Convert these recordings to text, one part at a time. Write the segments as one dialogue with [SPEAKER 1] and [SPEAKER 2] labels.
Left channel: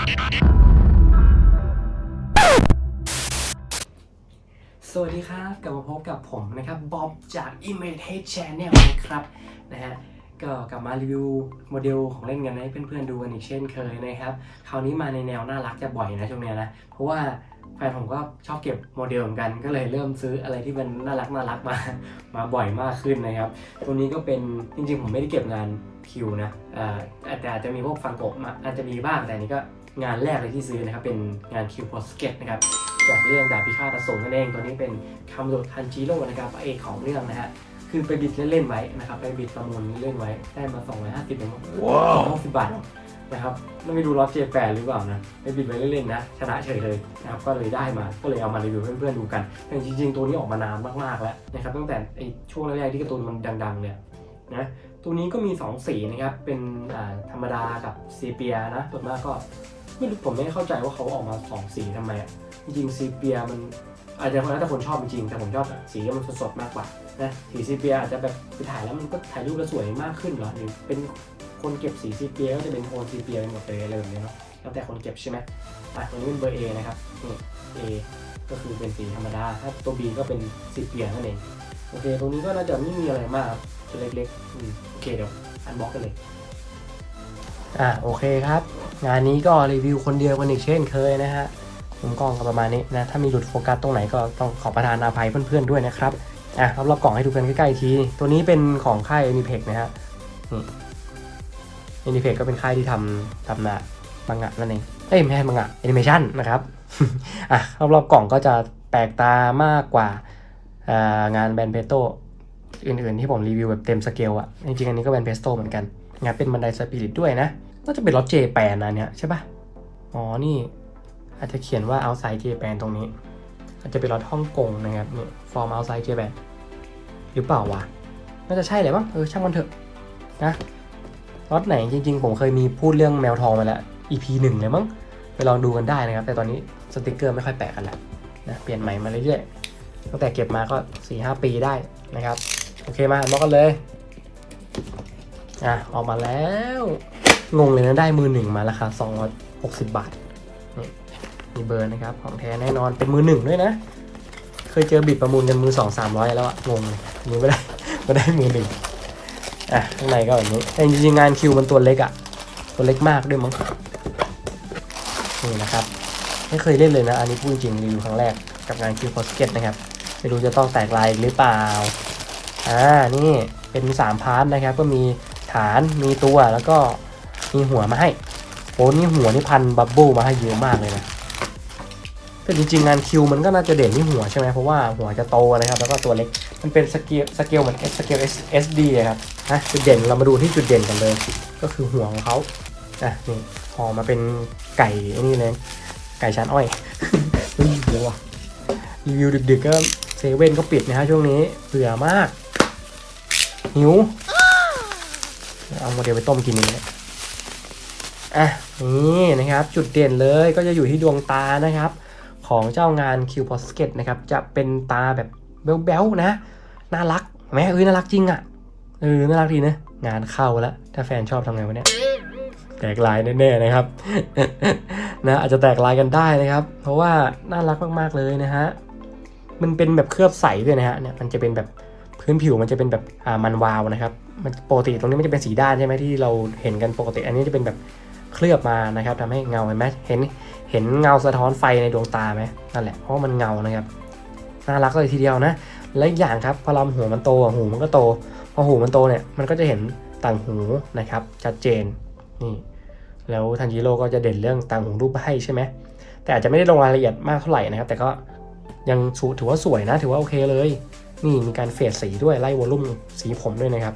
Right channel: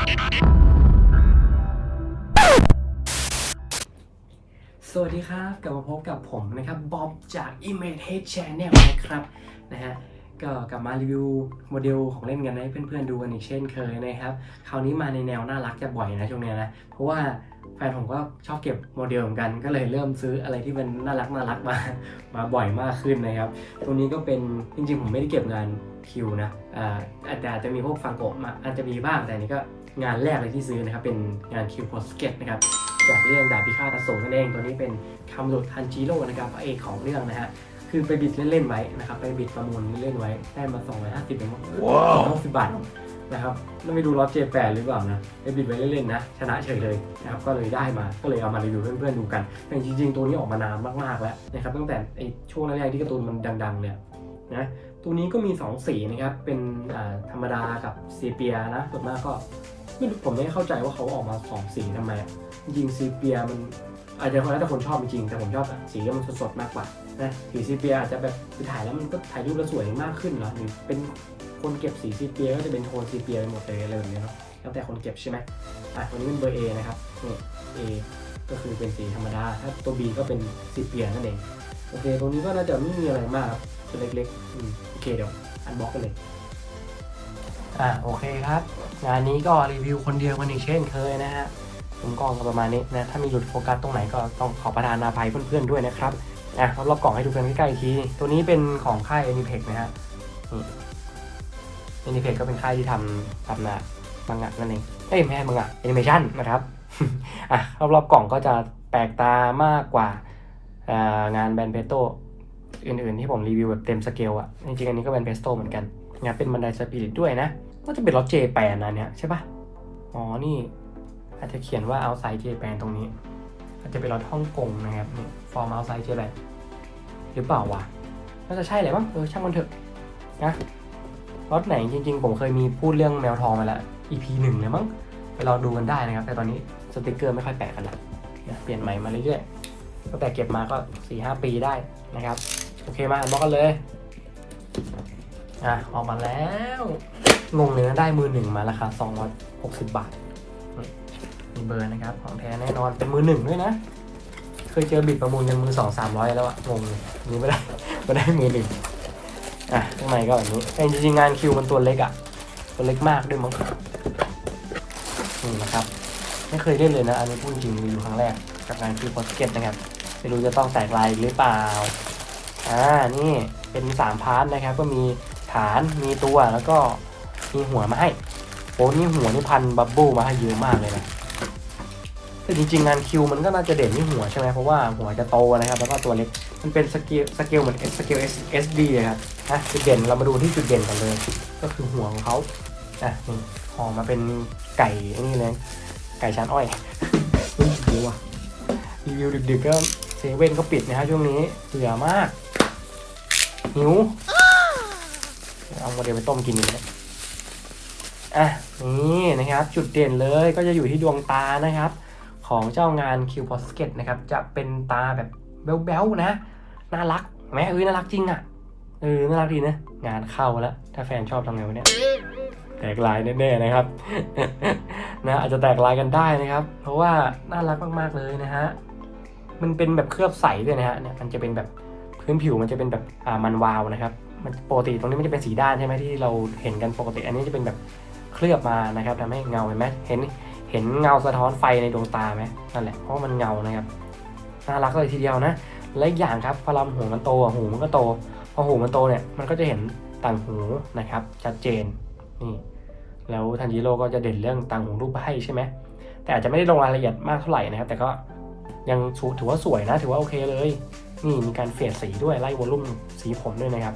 [SPEAKER 1] สวัสดีครับ กลับมาพบกับผมนะครับบ๊อบจาก Imitate Channel นะครับนะฮะก็กลับมารีวิวโมเดลของเล่นกันให้เพื่อนๆดูกันอีกเช่นเคยนะครับ คราวนี้มาในแนวน่ารักจะบ่อยนะช่วงนี้นะ เพราะว่าแฟนผมก็ชอบเก็บโมเดลเหมือนกันก็เลยเริ่มซื้ออะไรที่มันน่ารักน่ารักมามาบ่อยมากขึ้นนะครับ ตัวนี้ก็เป็นจริงๆ ผมไม่ได้เก็บงานคิวนะอ่าแต่อาจจะมีพวกฟังโกะมาอาจจะมีบ้างแต่นนี้ก็ งานแรกเลยที่ซื้อนะครับ เป็นงานคิวโพสเก็ตนะครับจากเรื่องดาบพิฆาตอสูรนั่นเอง ตัวนี้เป็นคำโดดทันจิโร่นะครับพระเอกของเรื่องนะฮะคือไปบิดเล่นๆไว้นะครับไปบิดประมูลเล่นๆไว้ได้มา 250เป็นว้าว60บาทนะครับแล้วไม่ดูรอตเจแปดหรือเปล่านะไปบิดไว้เล่นๆนะชนะเฉยเลยนะครับก็เลยได้มาก็เลยเอามารีวิวเพื่อนๆดูกันแต่จริงๆ ตัวนี้ออกมานานมากๆแล้วนะครับตั้งแต่ไอช่วงแรกๆที่การ์ตูนมันดังๆเลยนะตัวนี้ก็มี 2 สีนะครับเป็นอ่าธรรมดากับซีเปียนะส่วนมากก็ ไม่รู้ผมไม่เข้าใจว่าเขาออกมา2สีทำไมอะจริงซีเปียมันอาจจะแล้วแต่คนชอบจริงแต่ผมชอบสีมันสดๆมากกว่านะสีซีเปียอาจจะแบบไปถ่ายแล้วมันก็ถ่ายรูปแล้วสวยมากขึ้นเหรอหรือเป็นคนเก็บสีซีเปียก็จะเป็นโทนซีเปียไปหมดเลยอะไรแบบนี้เนาะแล้วแต่คนเก็บใช่ไหมอะตัวนี้เป็นเบอร์ A นะครับนี่ A ก็คือเป็นสีธรรมดา ถ้าตัว B ก็เป็นซีเปียนั่นเอง โอเค ตรงนี้ก็น่าจะไม่มีอะไรมากครับตัวเล็กๆอืมโอเค เดี๋ยว อันบ็อกกันเลย อะโอเคครับงานนี้ก็รีวิวคนเดียวกันอีกเช่นเคยนะฮะผมก็ประมาณนี้นะถ้ามีหลุดโฟกัสตรงไหนก็ต้องขอประทานอาภัยเพื่อนๆด้วยนะครับอะเอารอบกล่องให้ดูกันใกล้ๆทีตัวนี้เป็นของค่าย Aniplex นะครับนี่ Aniplex ก็เป็นค่ายที่ทำทำนะมังงะนั่นเองเอ้ยไม่ใช่มังงะแอนิเมชันนะครับอะรอบๆกล่องก็จะแปลกตามากกว่าางานแบนเพโตอื่นๆ ที่ผมรีวิวแบบเต็มสเกลอะจริงๆอันนี้ก็เป็นเพสโตเหมือนกัน งานเป็นบันไดสปิริตด้วยนะน่าจะเป็นล็อตเจแปนนะเนี่ยใช่ปะอ๋อนี่ อาจจะเขียนว่า outside Japan ตรงนี้อาจจะเป็นรถฮ่องกงนะครับนี่ from outside Japan หรือเปล่าวะน่าจะใช่แหละมั้งเออช่างมันเถอะนะรถไหนจริงๆ ผมเคยมีพูดเรื่องแนวทองมาแล้ว EP หนึ่งเลยมั้งไปลองดูกันได้นะครับ แต่ตอนนี้สติกเกอร์ไม่ค่อยแปะกันแล้วนะเปลี่ยนใหม่มาเรื่อยๆตั้งแต่เก็บมาก็4-5ปีได้นะครับ โอเคมาล็อกกันเลย อะออกมาแล้วงงเลยนะได้มือหนึ่งมาราคา260 บาทมีเบอร์นะครับ ของแท้แน่นอนเป็นมือหนึ่งด้วยนะ เคยเจอบิดประมูลเป็นมือสองสามร้อยแล้วงงมือไม่ได้ไม่ได้มือหนึ่งอะข้างในก็แบบนี้แต่จริงๆงานคิวมันตัวเล็กอะตัวเล็กมากด้วยมั้งนี่นะครับไม่เคยเล่นเลยนะอันนี้พูดจริงรีวิวครั้งแรกกับงานคิวโพสเก็ตนะครับไม่รู้จะต้องแตกลายหรือเปล่าอ่านี่เป็นสามพาร์ทนะครับก็มี ฐานมีตัวแล้วก็มีหัวมาให้โอ้นี่หัวนี่พันบับเบิ้ลมาให้เยอะมากเลยนะแต่จริงๆงานคิวมันก็น่าจะเด่นที่หัวใช่ไหมเพราะว่าหัวจะโตเลยครับแล้วก็ตัวเล็กมันเป็นสเกลสเกลเหมือนสเกล SD เลยครับนะจุดเด่นเรามาดูที่จุดเด่นกันเลย ก็คือหัวของเขาอะนี่ออมาเป็นไก่นี่เลยไก่ชั้นอ้อยอืมดูว่ะรีวิวดึกๆก็เซเว่นก็ปิดนะฮะช่วงนี้เบื่อมากหิวเอามาเดี๋ยว ไปต้มกินเลยอะนี่นะครับ จุดเด่นเลยก็จะอยู่ที่ดวงตานะครับ ของเจ้างาน Q p o s k e t นะครับ จะเป็นตาแบบแบ๊วๆนะ น่ารักแม่เอ้ยน่ารักจริงอะ่ะเออน่ารักดีนะงานเข้าแล้ว ถ้าแฟนชอบทำไงวะเนี่ยแตกลายแน่ๆนะครับนะอาจจะแตกลายกันได้นะครับ เพราะว่าน่ารักมากๆเลยนะฮะมันเป็นแบบเคลือบใสด้วยนะฮะมันจะเป็นแบบพื้นผิวมันจะเป็นแบบอ่ามันวาวนะครับ มันปกติตรงนี้มันจะเป็นสีด้านใช่ไหมที่เราเห็นกันปกติ อันนี้จะเป็นแบบเคลือบมานะครับทำให้เงาเห็นไหมเห็นเห็นเงาสะท้อนไฟในดวงตาไหมนั่นแหละเพราะว่ามันเงานะครับน่ารักเลยทีเดียวนะ และอีกอย่างครับพอลำหูมันโตหูมันก็โตพอหูมันโตเนี่ยมันก็จะเห็นต่างหูนะครับชัดเจนนี่แล้วทันจิโร่ก็จะเด่นเรื่องต่างหูรูปให้ใช่ไหมแต่อาจจะไม่ได้ลงรายละเอียดมากเท่าไหร่นะครับ แต่ก็ยังสูถือว่าสวยนะถือว่าโอเคเลยนี่มีการเฟดสีด้วยไล่วอลลุ่มสีผมด้วยนะครับ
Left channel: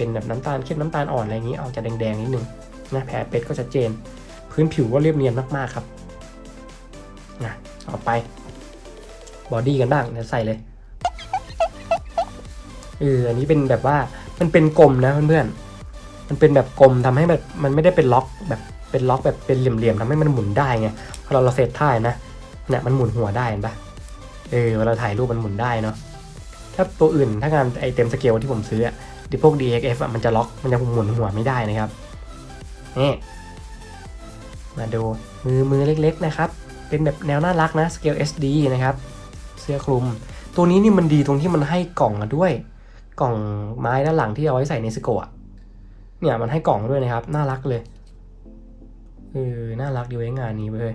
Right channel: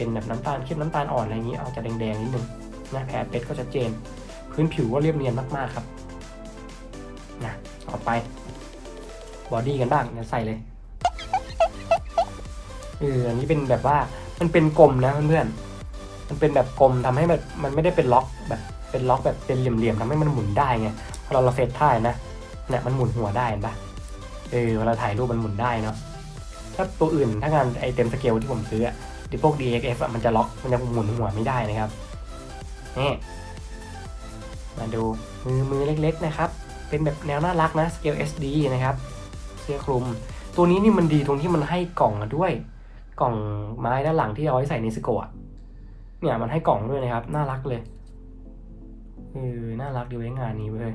[SPEAKER 1] เป็นแบบน้ำตาลเข้มน้ำตาลอ่อนอะไรอย่างนี้ออกจะแดงๆนิดนึงนะแผลเป็ดก็ชัดเจน พื้นผิวก็เรียบเนียนมากๆครับนะต่อไปบอดี้กันบ้างเดี๋ยใส่เลยเอออันนี้เป็นแบบว่ามันเป็นกลมนะเพื่อนๆมันเป็นแบบกลมทำให้แบบมันไม่ได้เป็นล็อกแบบเป็นล็อกแบบเป็นเหลี่ยมๆทำให้มันหมุนได้ไงพอเราเราเซตท่านะเนี่ยมันหมุนหัวได้เห็นปะเออเวลาถ่ายรูปมันหมุนได้เนาะถ้าตัวอื่นถ้างานไอเต็มสเกลที่ผมซื้อ อะดิพวก DXF อะมันจะล็อกมันจะหมุนหัวไม่ได้นะครับนี่มาดูมือมือเล็กๆนะครับ เป็นแบบแนวน่ารักนะสเกล SD นะครับ เสื้อคลุม ตัวนี้นี่มันดีตรงที่มันให้กล่องมาด้วย กล่องไม้ด้านหลังที่เอาไว้ใส่ในสโกะเนี่ยมันให้กล่องด้วยนะครับ น่ารักเลยเออน่ารักดีไว้งานนี้เลย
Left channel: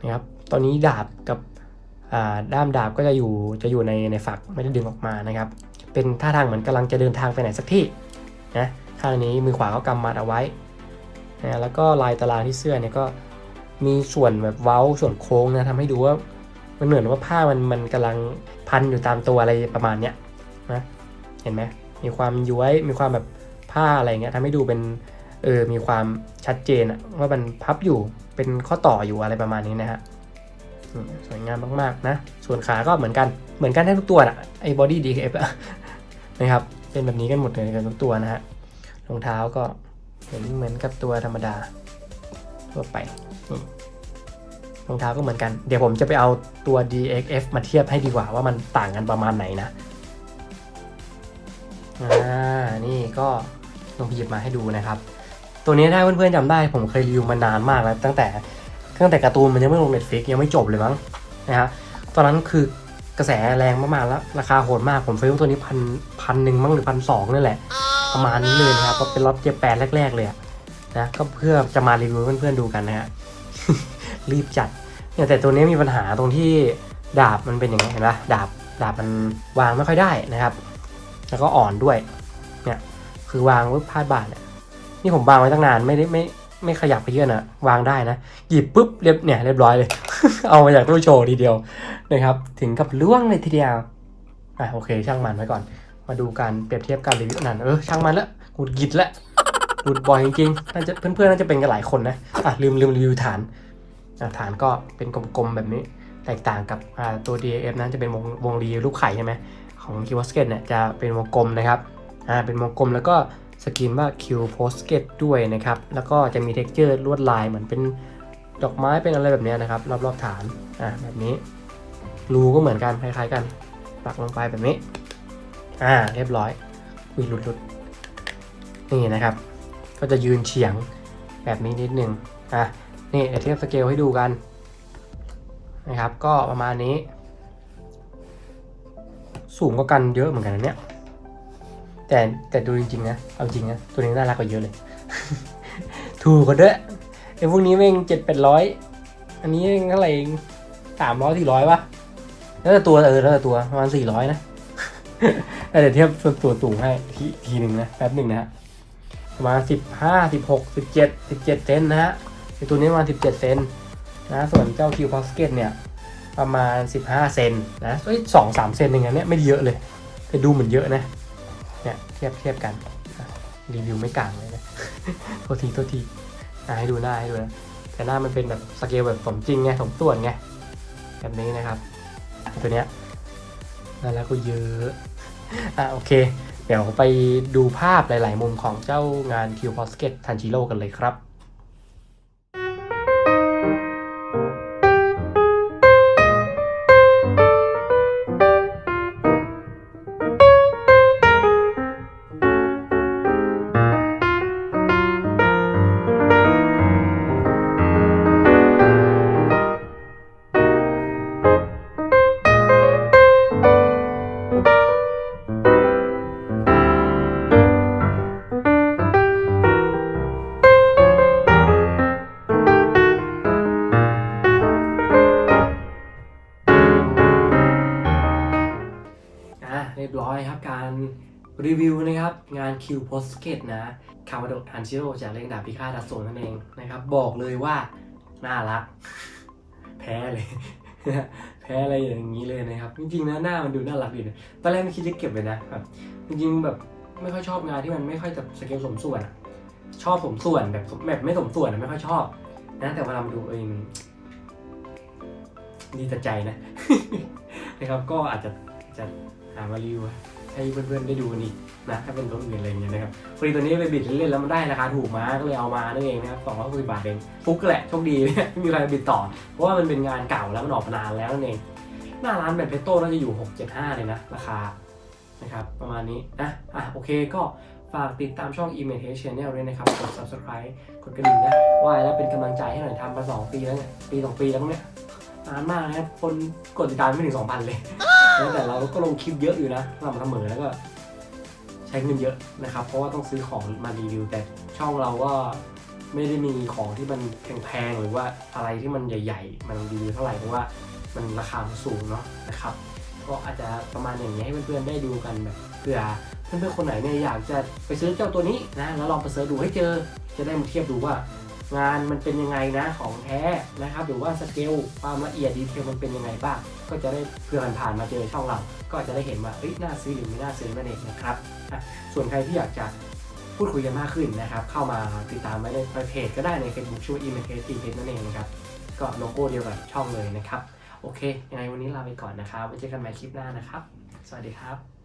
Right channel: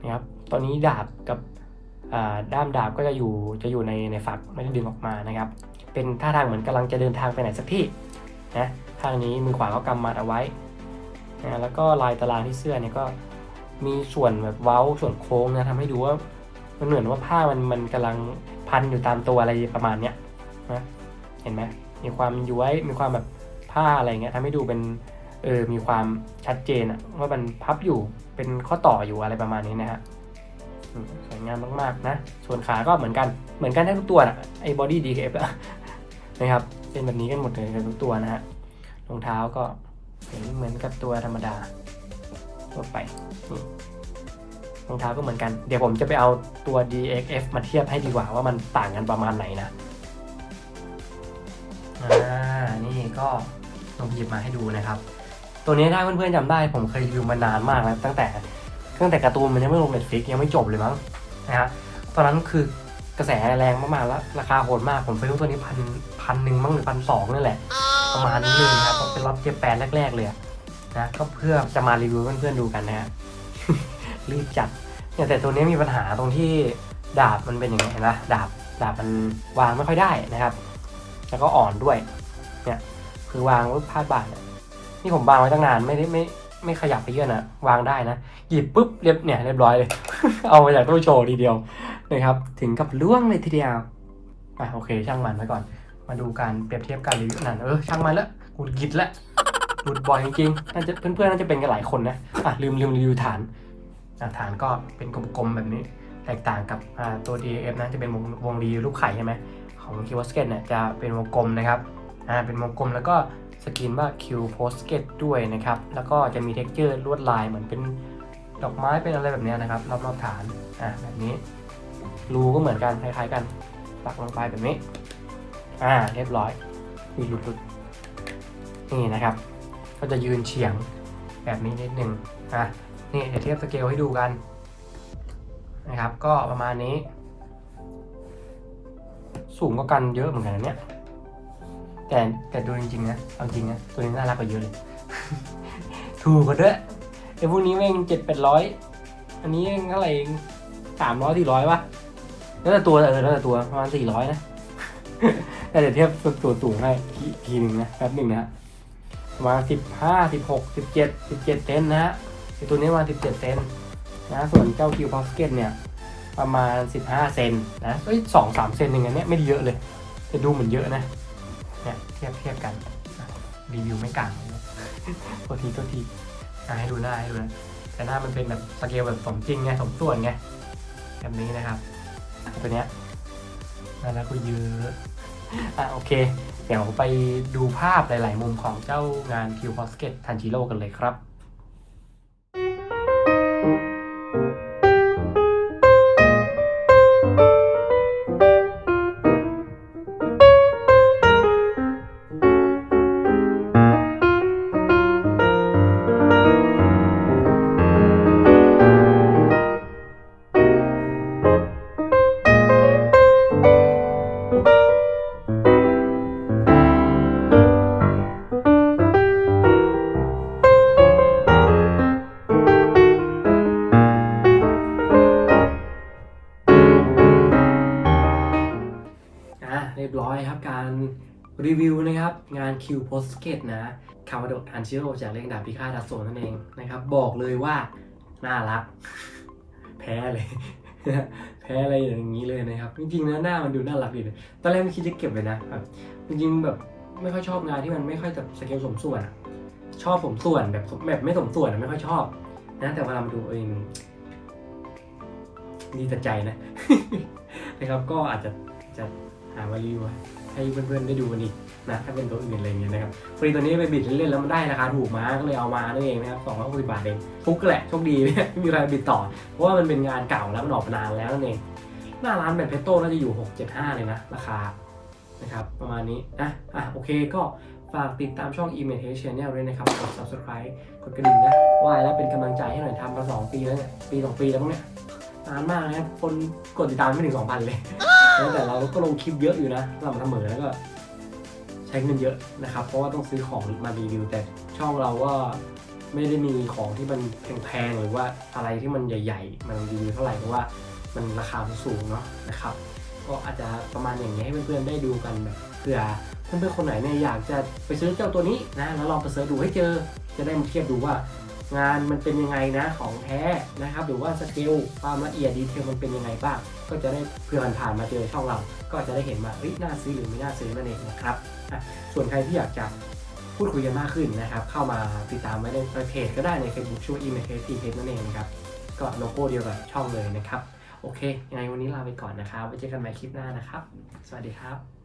[SPEAKER 1] นะครับ ตอนนี้ดาบกับด้ามดาบก็จะอยู่จะอยู่ในในฝักไม่ได้ดึงออกมานะครับ เป็นท่าทางเหมือนกำลังจะเดินทางไปไหนสักที่นะข้างนี้มือขวาก็กำมัดเอาไว้นะแล้วก็ลายตารางที่เสื้อเนี่ยก็มีส่วนแบบเว้าส่วนโค้งนะทำให้ดูว่ามันเหมือนว่าผ้ามันมันกำลังพันอยู่ตามตัวอะไรประมาณเนี้ยนะเห็นไหมมีความย้วยมีความแบบผ้าอะไรเงี้ยทำให้ดูเป็นเออมีความชัดเจนว่ามันพับอยู่เป็นข้อต่ออยู่อะไรประมาณนี้นะฮะสวยงามมากๆนะ ส่วนขาก็เหมือนกันเหมือนกันทั้งตัวนะไอ้บอดี้ดีเอฟ นะครับเป็นแบบนี้กันหมดเลยกันทุกตัวนะฮะรองเท้าก็เหมือนเหมือนกับตัวธรรมดาทั่วไปรองเท้าก็เหมือนกัน เดี๋ยวผมจะไปเอาตัว DXF มาเทียบให้ดีกว่าว่ามันต่างกันประมาณไหนนะนี่ก็ลองหยิบมาให้ดูนะครับ ตัวนี้ถ้าเพื่อนๆจำได้ผมเคยรีวิวมานานมากแล้วตั้งแต่ตั้งแต่การ์ตูนมันยังไม่ลงเน็ตฟิกยังไม่จบเลยมั้งนะฮะตอนนั้นคือ ระแสแรงมากๆแล้วราคาโหดมากผมซื้อตัวนี้พันพันหนึ่งมั้งหรือพันสองนั่นแหละประมาณนี้เลยนะครับก็เป็นรับเจ็บแปดแรก ๆ เลยนะก็เพื่อจะมารีวิวให้เพื่อนๆดูกันนะฮะรีบจัดเนี่ยแต่ตัวนี้มีปัญหาตรงที่ดาบมันเป็นอย่างนี้เห็นปะดาบดาบมันวางไม่ค่อยได้นะครับ แล้วก็อ่อนด้วยเนี่ยคือวางปุ๊บพลาดบาทเนี่ยนี่ผมวางไว้ตั้งนานไม่ได้ไม่ ไม่ขยับไปเยอะนะวางได้นะ หยิบปุ๊บเรียบเนี่ยเรียบร้อยเลย เอามาจากตู้โชว์ทีเดียวนะครับ ถึงกับล่วงเลยทีเดียวอะโอเค ช่างมันไว้ก่อน มาดูการเปรียบเทียบการรีวิวหนังเออช่างมันละหงุดหงิดละหลุดบ่อยจริงน่าจะเพื่อนๆน่าจะเป็นกันหลายคนนะอะลืมลืมรีวิวฐานฐานก็เป็นกลมๆแบบนี้ แตกต่างกับตัว DAF นั้นจะเป็นวงวงรีรูปไข่ใช่ไหมของ Q p o s k e t เนี่ยจะเป็นวงกลมนะครับอ่าเป็นวงกลมแล้วก็สกรีนว่า Q p o s k e t ด้วยนะครับ แล้วก็จะมี texture ลวดลายเหมือนเป็นดอกไม้เป็นอะไรแบบนี้นะครับรอบๆฐานอะแบบนี้รูก็เหมือนกันคล้ายๆกัน ปักลงไปแบบนี้ อ่าเรียบร้อยมีหลุดหลุดนี่นะครับ ก็จะยืนเฉียงแบบนี้นิดนึงอะนี่เดี๋ยวเทียบสเกลให้ดูกันนะครับ ก็ประมาณนี้ สูงกว่ากันเยอะเหมือนกันเนี่ย แต่แต่ดูจริงๆนะเอาจริงนะตัวนี้น่ารักกว่าเยอะเลย ถูกกว่าด้วยไอ้พวกนี้แม่งเจ็ดแปดร้อยอันนี้เองเท่าไหร่เองสามร้อยสี่ร้อยป่ะแล้วแต่ตัวเออแล้วแต่ตัวประมาณสี่ร้อยนะเดี๋ยวเทียบตัวตูให้ทีทีหนึ่งนะแป๊บหนึ่งนะฮะมาสิบห้าสิบหกสิบเจ็ดสิบเจ็ดเซนนะฮะไอตัวนี้มาสิบเจ็ดเซนนะส่วนเจ้าคิวพาสเกตเนี่ยประมาณสิบห้าเซนนะเอ้ยสองสามเซนอย่างเงี้ยไม่เยอะเลยแต่ดูเหมือนเยอะนะ เนี่ยเทียบเทียบกันรีวิวไม่กลางเลยนะโทษทีโทษทีให้ดูหน้าให้ดูนะแต่หน้ามันเป็นแบบสเกลแบบสมจริงไงสมส่วนไงแบบนี้นะครับตัวเนี้ยแล้วก็เยอะอะโอเค เดี๋ยวไปดูภาพหลาย ๆ มุมของเจ้างานคิวพอสเก็ตทันจิโร่กันเลยครับ เรียบร้อยครับการรีวิวนะครับงาน Q p o s k e t นะคามาโดทันชิโร่จากเล่งดาบพิฆาตอสูรนั่นเองนะครับ บอกเลยว่า น่ารัก แพ้เลย แพ้อะไรอย่างนี้เลยนะครับ จริงๆนะหน้ามันดูน่ารักดีนะตอนแรกไม่คิดจะเก็บเลยนะครับจริงๆแบบไม่ค่อยชอบงานที่มันไม่ค่อยจะสเกลสมส่วนชอบสมส่วนแบบแบบไม่สมส่วนไม่ค่อยชอบนะแต่เวลามาดูเองดีแต่ใจนะนะครับ ก็อาจจะจะหามารีวิวให้เพื่อนๆได้ดูกันอีก นะถ้าเป็นตัวอื่นอะไรเงี้ยนะครับพอดีตัวนี้ไปบิดเล่นๆแล้วมันได้ราคาถูกมาก็เลยเอามานั่นเองนะครับสองร้อยหกสิบบาทเองฟุกแหละโชคดีไม่มีใครบิดต่อ เพราะว่ามันเป็นงานเก่าแล้วมันออกมานานแล้วนั่นเองหน้าร้านแบบเพชรโต้น่าจะอยู่ 675 เลยนะ ราคานะครับประมาณนี้นะอะโอเคก็ฝากติดตามช่อง e m a g e Channel ด้วยนะครับ กด subscribe กดกระดิ่งนะว่าแล้วเป็นกำลังใจให้หน่อยทำมา2ปีแล้วเนี่ย ปี2ปีแล้วเนี่ยนานมากนะครับ คนกดติดตามไม่ถึง 2,000 เลย แต่เราก็ลงคลิปเยอะอยู่นะสม่ำเสมอแล้วก็ ช้เงินเยอะนะครับ เพราะว่าต้องซื้อของมารีวิว แต่ช่องเราก็ไม่ได้มีของที่มันแพงๆหรือว่าอะไรที่มันใหญ่ ๆ มันรีวิวเท่าไหร่เพราะว่ามันราคามันสูงเนาะนะครับ ก็อาจจะประมาณอย่างนี้ให้เพื่อนๆได้ดูกันแบบเผื่อเพื่อนๆคนไหนเนี่ยอยากจะไปซื้อเจ้าตัวนี้นะแล้วลองไปเสิร์ชดูให้เจอจะได้มาเทียบดูว่า งานมันเป็นยังไงนะของแท้นะครับหรือว่าสเกลความละเอียดดีเทลมันเป็นยังไงบ้าง ก็จะได้เพื่อนผ่านมาเจอช่องเรา ก็จะได้เห็นว่าเอ้ยน่าซื้อหรือไม่น่าซื้อนั่นเองนะครับส่วนใครที่อยากจะพูดคุยกันมากขึ้นนะครับ เข้ามาติดตามไว้ในเพจก็ได้ใน Facebook ชื่อ e m a k e t p นั่นเองนะครับ ก็โลโก้เดียวกับช่องเลยนะครับ โอเคยังไงวันนี้ลาไปก่อนนะครับไว้เจอกันใหม่คลิปหน้านะครับ สวัสดีครับ